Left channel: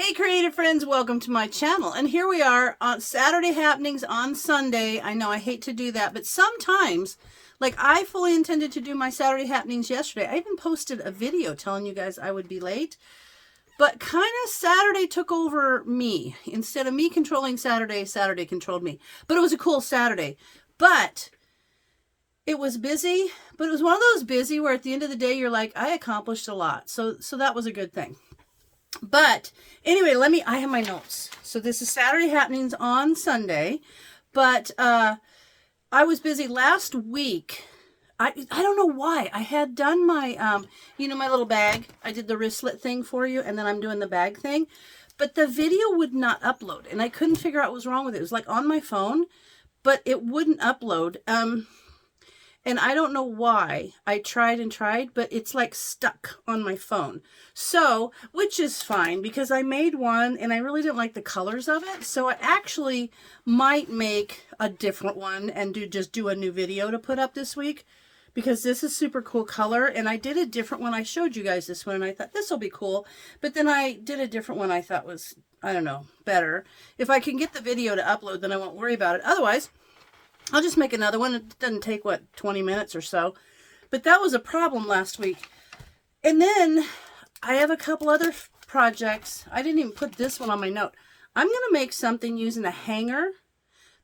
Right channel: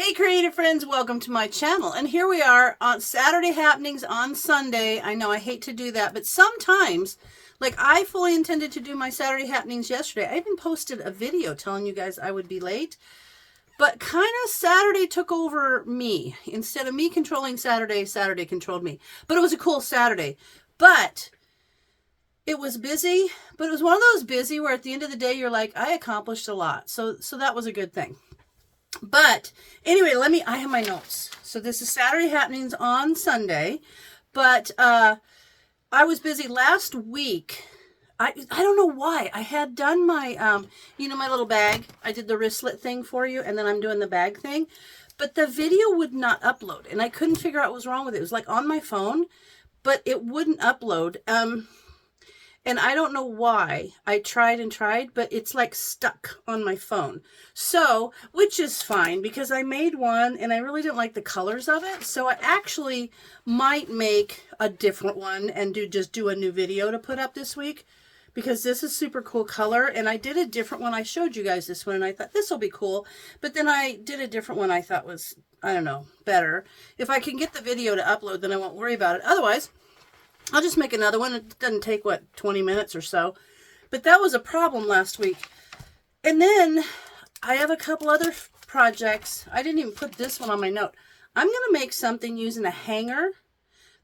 Hey creative friends, welcome to my channel. And here we are on Saturday happenings on Sunday. I know I hate to do that, but sometimes, like I fully intended to do my Saturday happenings yesterday. I even posted a video telling you guys I would be late, but kind of Saturday took over me. Instead of me controlling Saturday, Saturday controlled me. But it was a cool Saturday. But it was busy, but it was one of those busy where at the end of the day, you're like, I accomplished a lot. So that was a good thing. But anyway, I have my notes. So this is Saturday happenings on Sunday, but I was busy last week. I don't know why. I had done my, my little bag. I did the wristlet thing for you, and then I'm doing the bag thing. But the video would not upload, and I couldn't figure out what was wrong with it. It was like on my phone, but it wouldn't upload. And I don't know why. I tried and tried, but it's like stuck on my phone. So, which is fine because I made one and I really didn't like the colors of it. So I actually might make a different one and just do a new video to put up this week because this is super cool color. And I did a different one. I showed you guys this one and I thought this will be cool. But then I did a different one I thought was, I don't know, better. If I can get the video to upload, then I won't worry about it. Otherwise, I'll just make another one. It doesn't take, 20 minutes or so. But that was a problem last week. And then I have a couple other projects. I didn't even put this one on my note. I'm going to make something using a hanger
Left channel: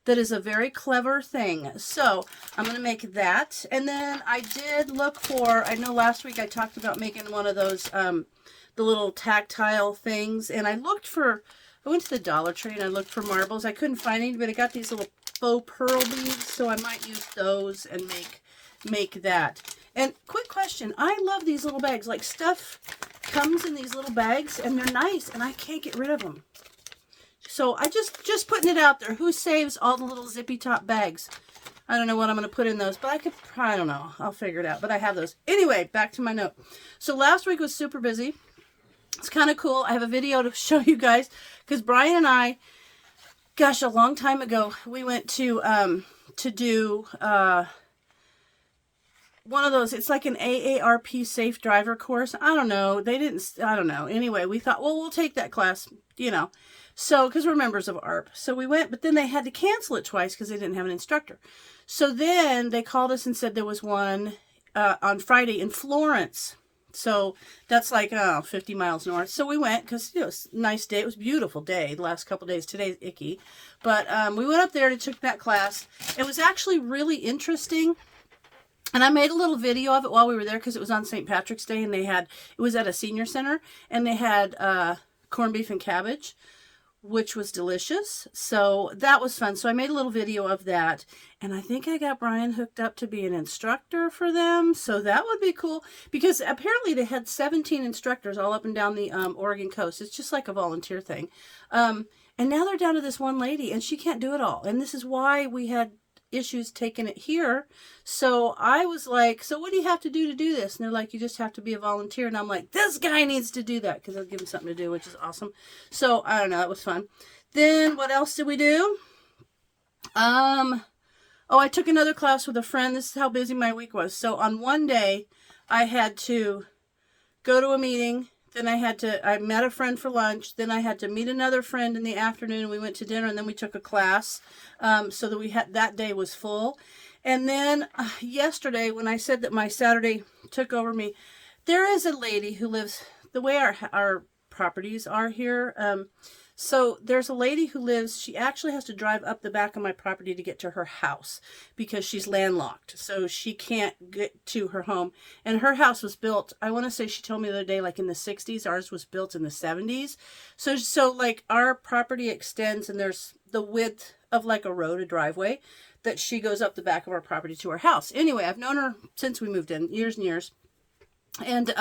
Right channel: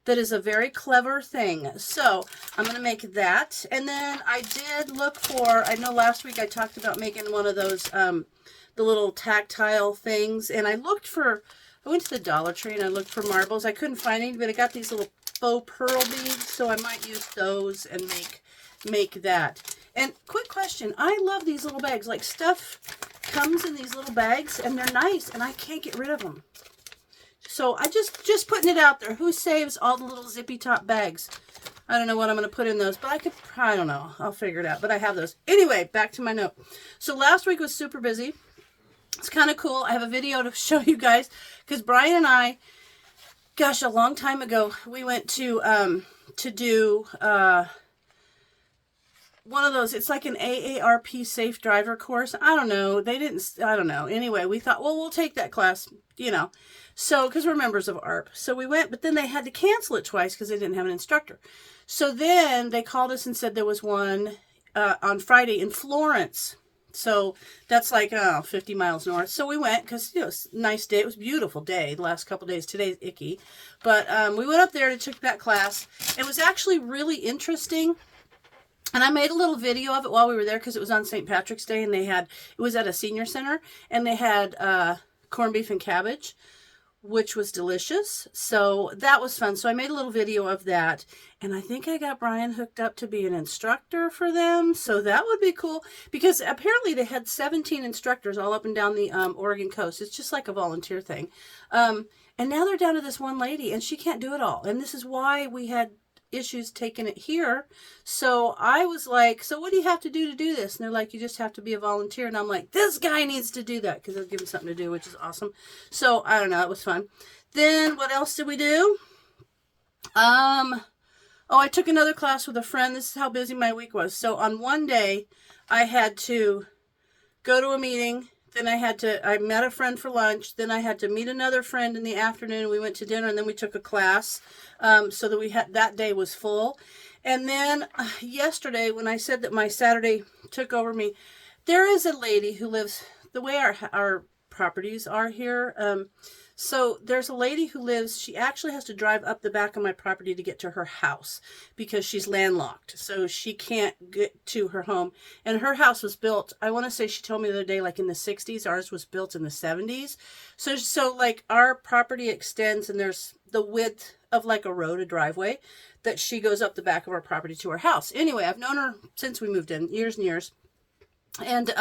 that is a very clever thing. So I'm going to make that. And then I did look for, I know last week I talked about making one of those, the little tactile things. And I went to the Dollar Tree and I looked for marbles. I couldn't find any, but I got these little faux pearl beads, so I might use those and make that. And quick question, I love these little bags. Like stuff comes in these little bags and they're nice and I can't get rid of them. So I just putting it out there. Who saves all the little zippy top bags? I don't know what I'm going to put in those, but I don't know. I'll figure it out, but I have those. Anyway, back to my note. So last week was super busy. It's kind of cool. I have a video to show you guys because Brian and I, gosh, a long time ago, we went to do one of those. It's like an AARP safe driver course. I don't know. I don't know. Anyway, we thought, well, we'll take that class, So, because we're members of ARP. So we went, but then they had to cancel it twice because they didn't have an instructor. So then they called us and said there was one on Friday in Florence. So that's like 50 miles north. So we went because, it's a nice day. It was a beautiful day the last couple days. Today's icky. But we went up there and took that class. It was actually really interesting. And I made a little video of it while we were there because it was on St. Patrick's Day. And it was at a senior center. And they had corned beef and cabbage, which was delicious. So that was fun. So I made a little video of that. And I think I got Brian hooked up to be an instructor for them. So that would be cool. Because apparently they had 17 instructors all up and down the Oregon coast. It's just like a volunteer thing. And now they're down to this one lady. And she can't do it all. And this is why we had issues taking it here. So I was like, so what do you have to do this? And they're like, you just have to be a volunteer. And I'm like, this guy needs to do that. Because they'll give him something to do, which is awesome. So I don't know. It was fun. Then what else did we do? Oh, I took another class with a friend. This is how busy my week was. So on one day, I had to go to a meeting. Then I met a friend for lunch. Then I had to meet another friend in the afternoon. We went to dinner and then we took a class. So that that day was full. And then yesterday, when I said that my Saturday took over me, there is a lady who lives the way our properties are here. So there's a lady who lives, she actually has to drive up the back of my property to get to her house because she's landlocked. So she can't get to her home. And her house was built, I want to say she told me the other day, like in the 60s. Ours was built in the 70s. So like our property extends and there's the width of like a road, a driveway, that she goes up the back of our property to her house. Anyway, I've known her since we moved in, years and years. And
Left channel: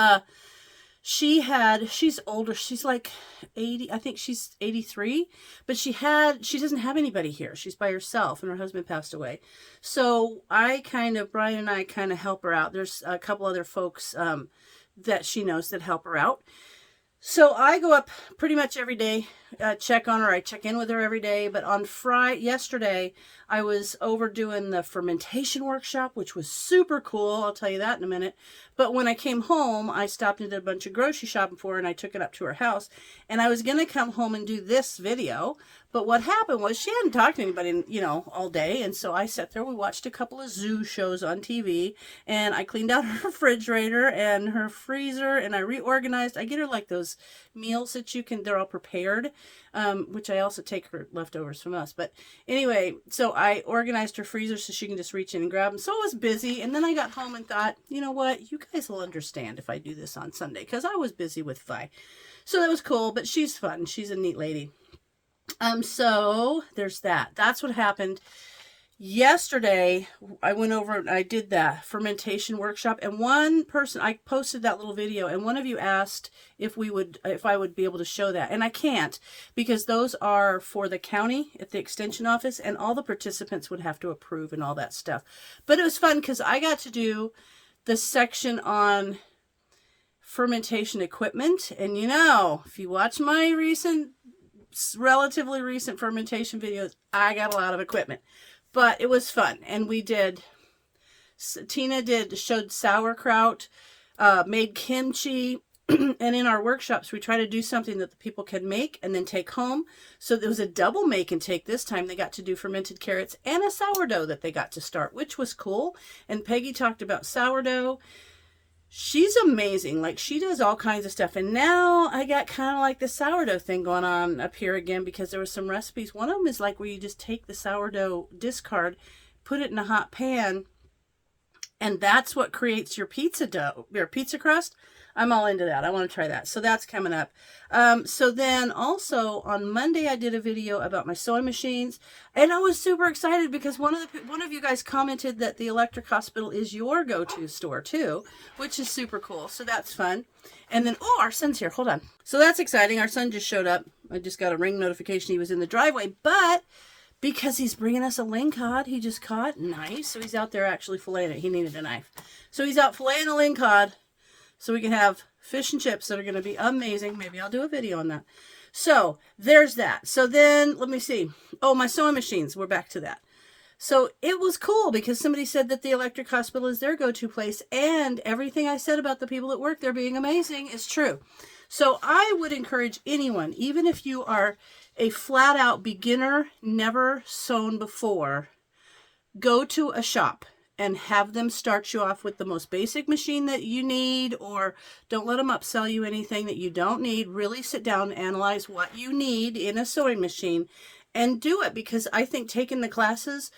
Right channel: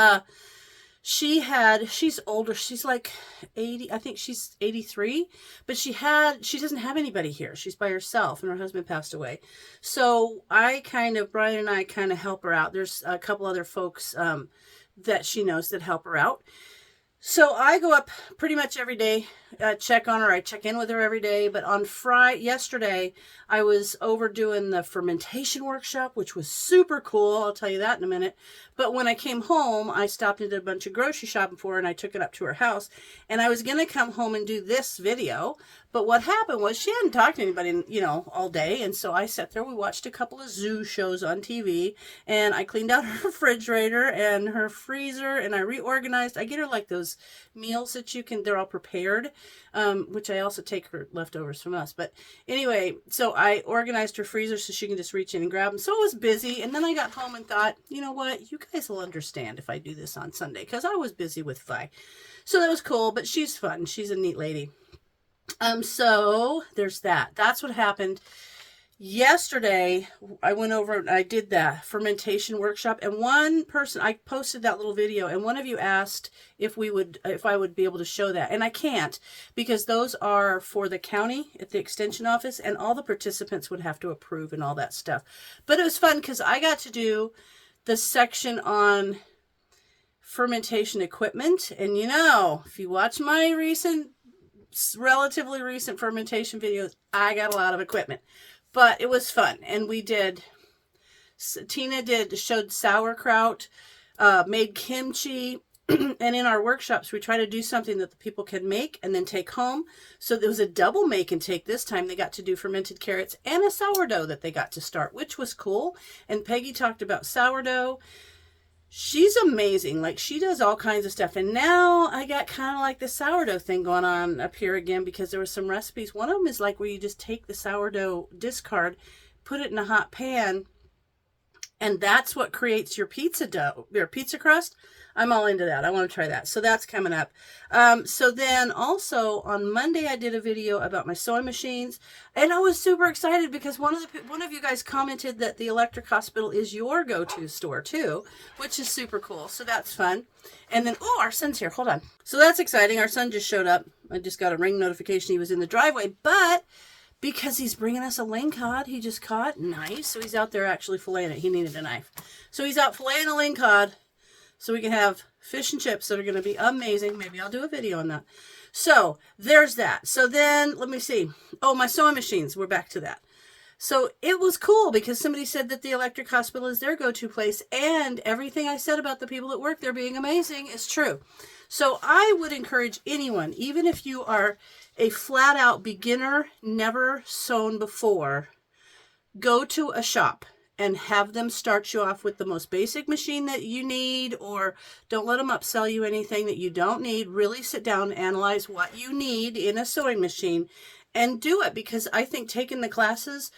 she's older. She's like 80. I think she's 83, but she doesn't have anybody here. She's by herself and her husband passed away. So Brian and I kind of help her out. There's a couple other folks, that she knows that help her out. So I go up pretty much every day check on her. I check in with her every day. But on yesterday, I was over doing the fermentation workshop, which was super cool. I'll tell you that in a minute. But when I came home, I stopped and did a bunch of grocery shopping for her, and I took it up to her house. And I was going to come home and do this video. But what happened was she hadn't talked to anybody, all day. And so I sat there. We watched a couple of zoo shows on TV. And I cleaned out her refrigerator and her freezer. And I reorganized. I get her like those meals that they're all prepared. Which I also take her leftovers from us. But anyway, so I organized her freezer so she can just reach in and grab them. So it was busy. And then I got home and thought, you know what? You guys will understand if I do this on Sunday. Because I was busy with Vi. So that was cool. But she's fun. She's a neat lady. So there's that. That's what happened. Yesterday, I went over and I did the fermentation workshop, and I posted that little video, and one of you asked if I would be able to show that, and I can't, because those are for the county at the extension office, and all the participants would have to approve and all that stuff. But it was fun because I got to do the section on fermentation equipment, and if you watch my relatively recent fermentation videos, I got a lot of equipment. But it was fun, and Tina showed sauerkraut, made kimchi, and in our workshops, we try to do something that the people can make and then take home. So there was a double make and take this time. They got to do fermented carrots and a sourdough that they got to start, which was cool. And Peggy talked about sourdough. She's amazing. Like, she does all kinds of stuff. And now I got kind of like the sourdough thing going on up here again, because there were some recipes. One of them is like where you just take the sourdough discard, put it in a hot pan, and that's what creates your pizza dough, your pizza crust. I'm all into that. I want to try that. So that's coming up. So then also on Monday, I did a video about my sewing machines, and I was super excited because one of you guys commented that the Electric Hospital is your go-to store too, which is super cool. So that's fun. And then, our son's here. Hold on. So that's exciting. Our son just showed up. I just got a ring notification he was in the driveway, but because he's bringing us a lingcod he just caught. Nice. So he's out there actually filleting it. He needed a knife. So he's out filleting a lingcod, so we can have fish and chips that are going to be amazing. Maybe I'll do a video on that. So there's that. So then let me see. Oh, my sewing machines. We're back to that. So it was cool because somebody said that the Electric Hospital is their go-to place, and everything I said about the people that work there being amazing is true. So I would encourage anyone, even if you are a flat-out beginner, never sewn before, go to a shop and have them start you off with the most basic machine that you need, or don't let them upsell you anything that you don't need. Really sit down and analyze what you need in a sewing machine and do it, because I think taking the classes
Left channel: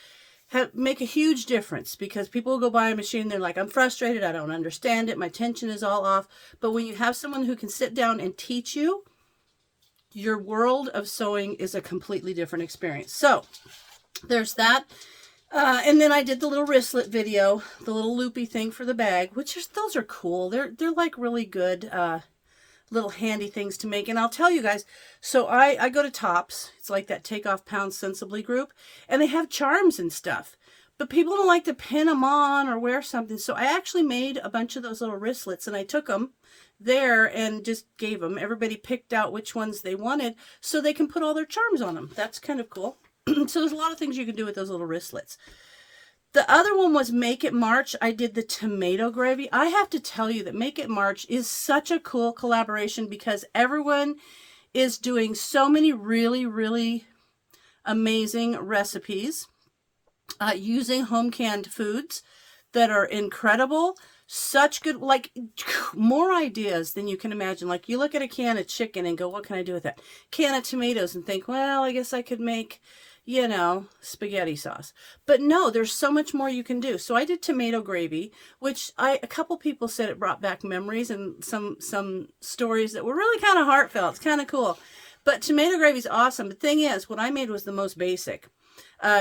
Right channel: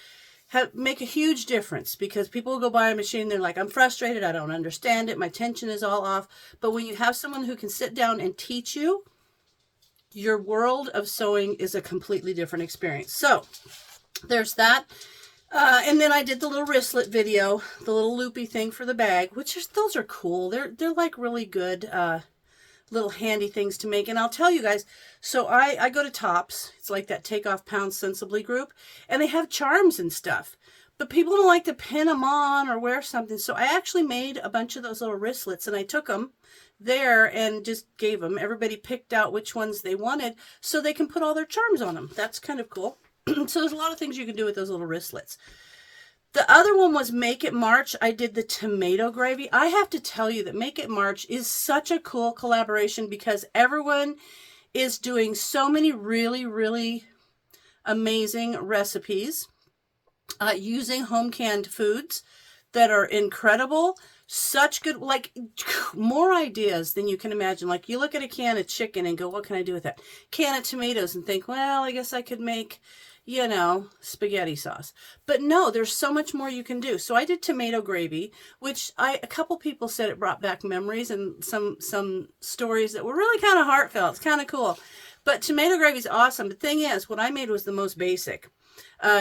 make a huge difference, because people will go buy a machine, they're like, I'm frustrated, I don't understand it, my tension is all off. But when you have someone who can sit down and teach you, your world of sewing is a completely different experience. So there's that. And then I did the little wristlet video, the little loopy thing for the bag, those are cool. They're like really good, little handy things to make. And I'll tell you guys, so I go to Tops. It's like that Take Off Pounds Sensibly group, and they have charms and stuff, but people don't like to pin them on or wear something. So I actually made a bunch of those little wristlets, and I took them there and just gave them. Everybody picked out which ones they wanted so they can put all their charms on them. That's kind of cool. So there's a lot of things you can do with those little wristlets. The other one was Make It March. I did the tomato gravy. I have to tell you that Make It March is such a cool collaboration, because everyone is doing so many really, really amazing recipes using home canned foods that are incredible. Such good, like, more ideas than you can imagine. Like, you look at a can of chicken and go, what can I do with that? Can of tomatoes and think, well, I guess I could make, spaghetti sauce. But no, there's so much more you can do. So I did tomato gravy, which a couple people said it brought back memories and some stories that were really kind of heartfelt. It's kind of cool. But tomato gravy is awesome. The thing is, what I made was the most basic.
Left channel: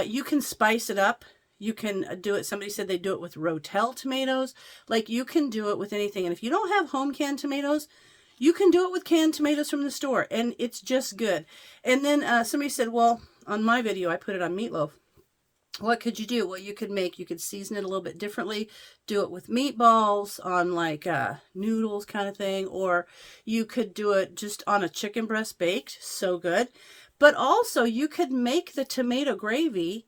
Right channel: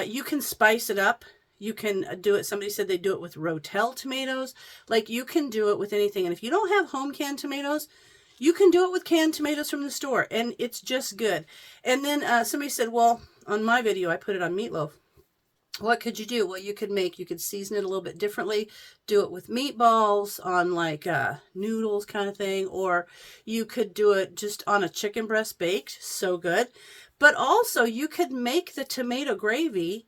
You can spice it up. You can do it. Somebody said they do it with Rotel tomatoes. Like, you can do it with anything. And if you don't have home canned tomatoes, you can do it with canned tomatoes from the store, and it's just good. And then somebody said, well, on my video, I put it on meatloaf. what could you do? Well, you could season it a little bit differently, do it with meatballs on like noodles kind of thing, or you could do it just on a chicken breast baked, so good. But also you could make the tomato gravy,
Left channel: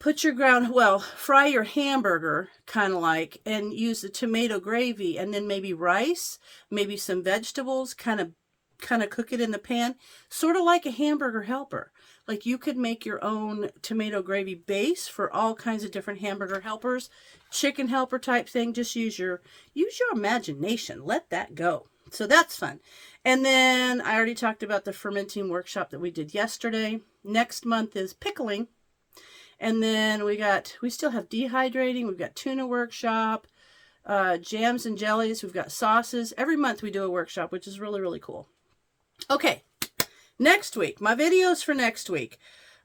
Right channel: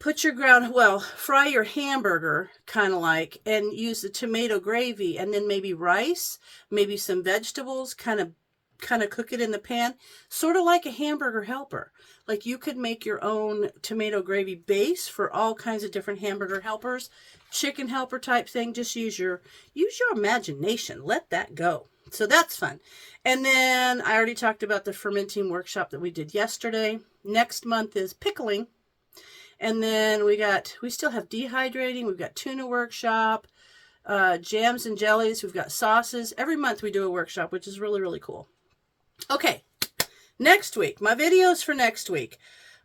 fry your hamburger kind of like, and use the tomato gravy, and then maybe rice, maybe some vegetables, kind of cook it in the pan, sort of like a hamburger helper. Like you could make your own tomato gravy base for all kinds of different hamburger helpers, chicken helper type thing. Just use your imagination. Let that go. So that's fun. And then I already talked about the fermenting workshop that we did yesterday. Next month is pickling. And then we still have dehydrating. We've got tuna workshop, jams and jellies. We've got sauces. Every month we do a workshop, which is really, really cool. Okay, next week, my videos for next week.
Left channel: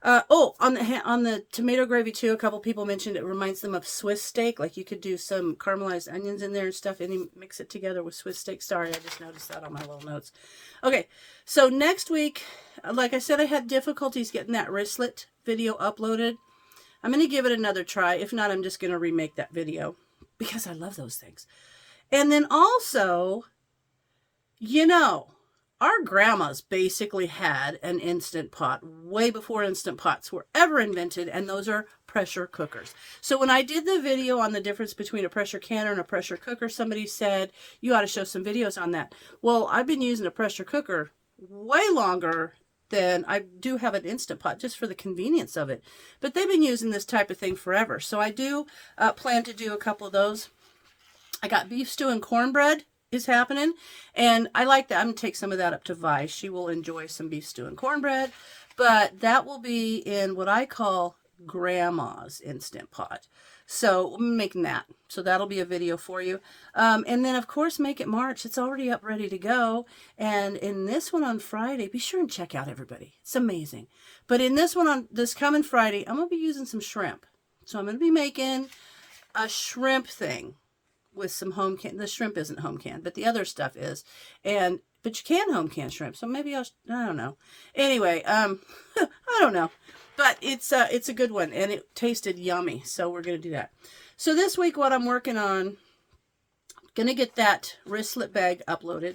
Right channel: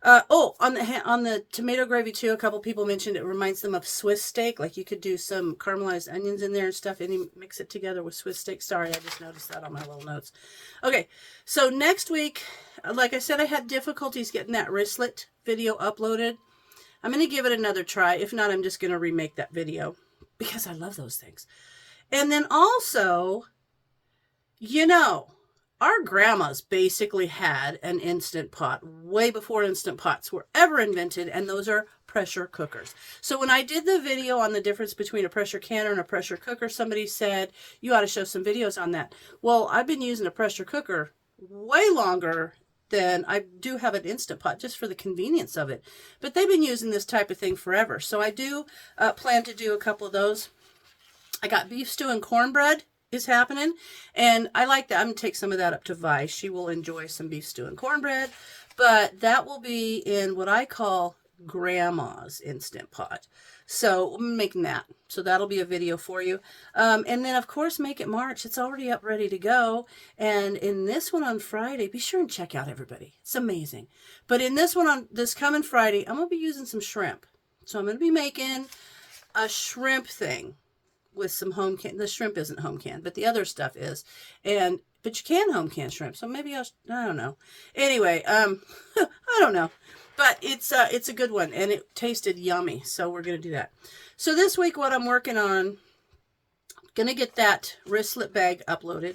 On the tomato gravy too, a couple people mentioned it reminds them of Swiss steak. Like you could do some caramelized onions in there and stuff, and you mix it together with Swiss steak. Sorry, I just noticed that on my little notes. Okay, so next week, like I said, I had difficulties getting that wristlet video uploaded. I'm going to give it another try. If not, I'm just going to remake that video because I love those things. And then also, our grandmas basically had an Instant Pot way before Instant Pots were ever invented, and those are pressure cookers. So when I did the video on the difference between a pressure canner and a pressure cooker, somebody said, you ought to show some videos on that. Well, I've been using a pressure cooker way longer than I do have an Instant Pot, just for the convenience of it. But they've been using this type of thing forever. So I do plan to do a couple of those. I got beef stew and cornbread is happening, and I like that. I'm going to take some of that up to Vi. She will enjoy some beef stew and cornbread, but that will be in what I call Grandma's Instant Pot. So I'm making that. So that'll be a video for you. And then, of course, Make It March. It's already up, ready to go. And in this one on Friday, be sure and check out, everybody. It's amazing. But in this one on this coming Friday, I'm going to be using some shrimp. So I'm going to be making a shrimp thing with some home can. The shrimp isn't home canned, but the other stuff is. But you can home can shrimp. So maybe I don't know. Anyway, I don't know. But it's a good one, and it tasted yummy, so we're going to do that. So this week, what I'm working on, going to get that wristlet bag uploaded.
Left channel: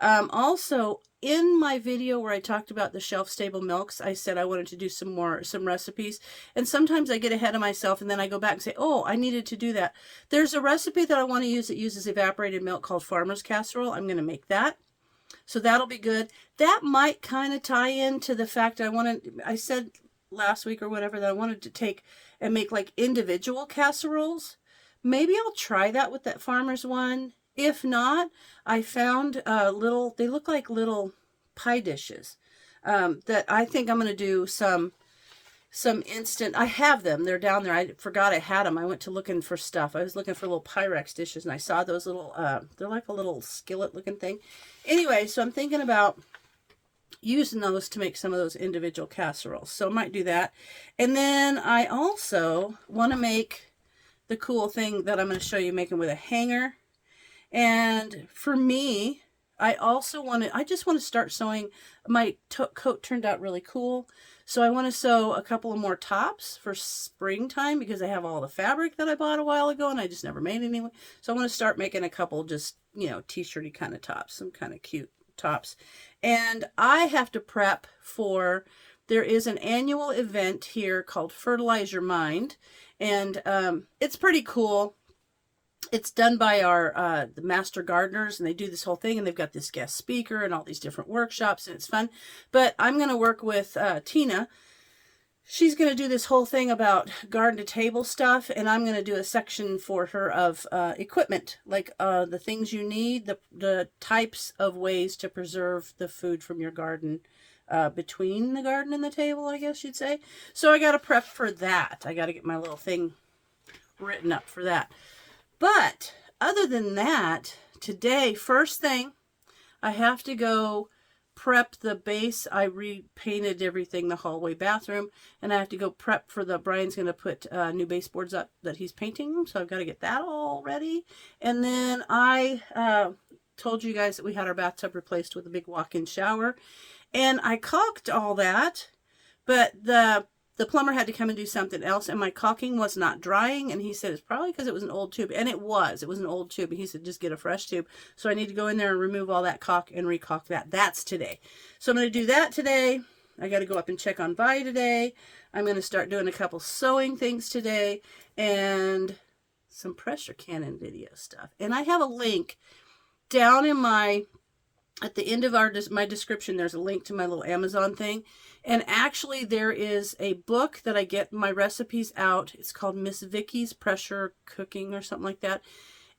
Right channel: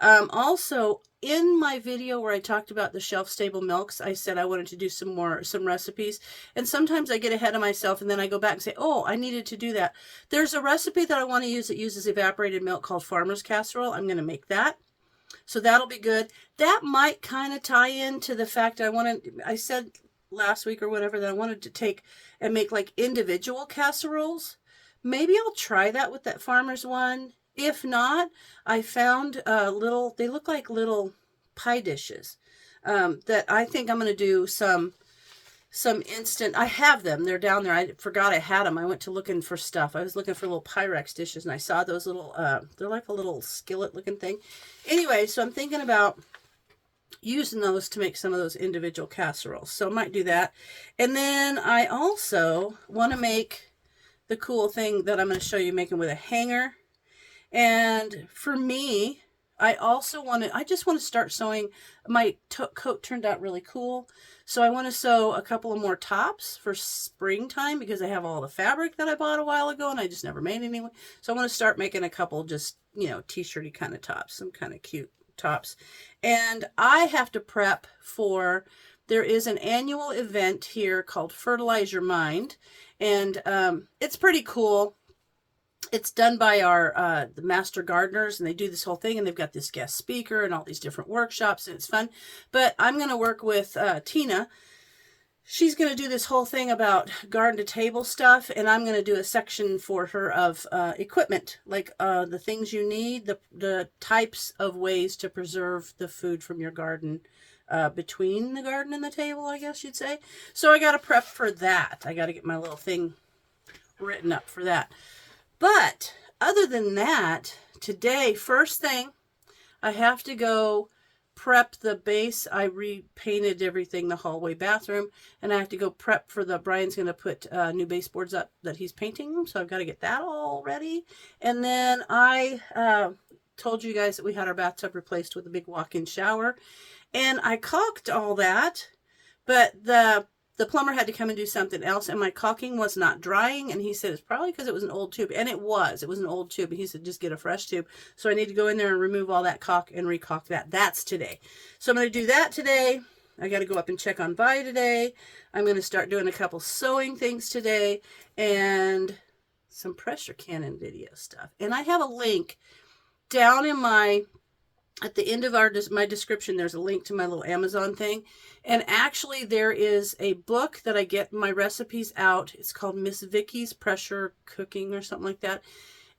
Also, in my video where I talked about the shelf-stable milks, I said I wanted to do some recipes. And sometimes I get ahead of myself, and then I go back and say, oh, I needed to do that. There's a recipe that I want to use that uses evaporated milk called Farmer's Casserole. I'm going to make that. So that'll be good. That might kind of tie into the fact I said last week or whatever that I wanted to take and make like individual casseroles. Maybe I'll try that with that Farmer's one. If not, I found they look like little pie dishes that I think I'm going to do some instant. I have them. They're down there. I forgot I had them. I went to looking for stuff. I was looking for little Pyrex dishes, and I saw those little, they're like a little skillet looking thing. Anyway, so I'm thinking about using those to make some of those individual casseroles. So I might do that. And then I also want to make the cool thing that I'm going to show you making with a hanger. And for me, I just want to start sewing. My coat turned out really cool. So I want to sew a couple of more tops for springtime because I have all the fabric that I bought a while ago and I just never made any. So I want to start making a couple just, t-shirty kind of tops, some kind of cute tops. And I have to prep for, there is an annual event here called Fertilize Your Mind. And it's pretty cool. It's done by the master gardeners, and they do this whole thing, and they've got this guest speaker and all these different workshops, and it's fun. But I'm going to work with Tina. She's going to do this whole thing about garden to table stuff, and I'm going to do a section for her of equipment, like the things you need, the types of ways to preserve the food from your garden between the garden and the table, I guess you'd say. So I got to prep for that. I got to get my little thing written up for that. But other than that, today, first thing, I have to go prep the base. I repainted everything, the hallway bathroom, and I have to go prep for Brian's going to put new baseboards up that he's painting, so I've got to get that all ready. And then I told you guys that we had our bathtub replaced with a big walk-in shower, and I caulked all that, but the the plumber had to come and do something else, and my caulking was not drying, and he said it's probably because it was an old tube, and it was an old tube, and he said just get a fresh tube. So I need to go in there and remove all that caulk and recaulk that. That's today. So I'm going to do that today. I got to go up and check on Vi today. I'm going to start doing a couple sewing things today and some pressure cannon video stuff. And I have a link down in at the end of my description, there's a link to my little Amazon thing. And actually there is a book that I get my recipes out. It's called Miss Vicky's Pressure Cooking or something like that.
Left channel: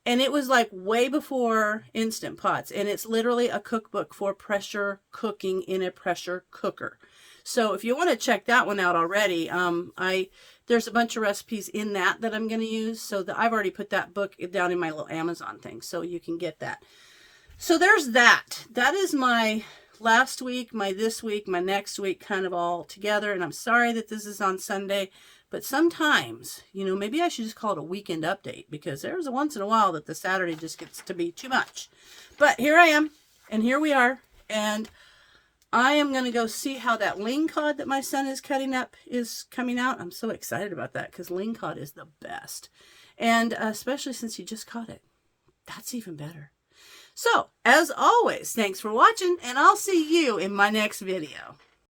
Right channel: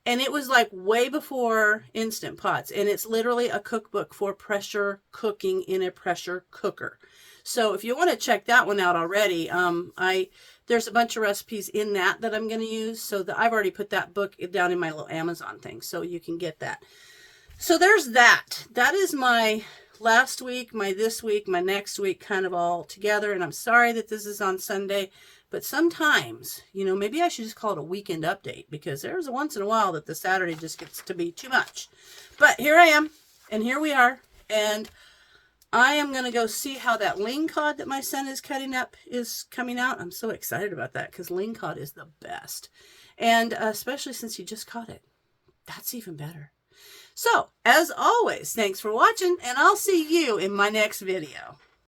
And it was like way before Instant Pots. And it's literally a cookbook for pressure cooking in a pressure cooker. So if you want to check that one out already, there's a bunch of recipes in that I'm going to use. So I've already put that book down in my little Amazon thing, so you can get that. So there's that. That is my last week, my this week, my next week kind of all together. And I'm sorry that this is on Sunday, but sometimes, you know, maybe I should just call it a weekend update, because there's a once in a while that the Saturday just gets to be too much. But here I am, and here we are, and I am going to go see how that ling cod that my son is cutting up is coming out. I'm so excited about that, because ling cod is the best. And especially since he just caught it. That's even better. So, as always, thanks for watching, and I'll see you in my next video.